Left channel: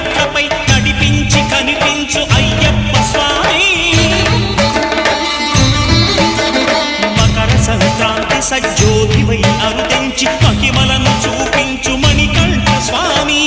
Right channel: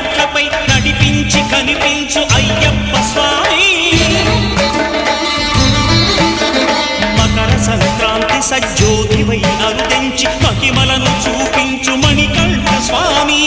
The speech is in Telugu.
మెట్లపై నడిపించి కనిపించు అయ్యప్ప స్వామి మకర సంక్రాంతి సజ్జోతివై అరుదెంచి మహిమలను చూపించు మణికంఠ స్వామి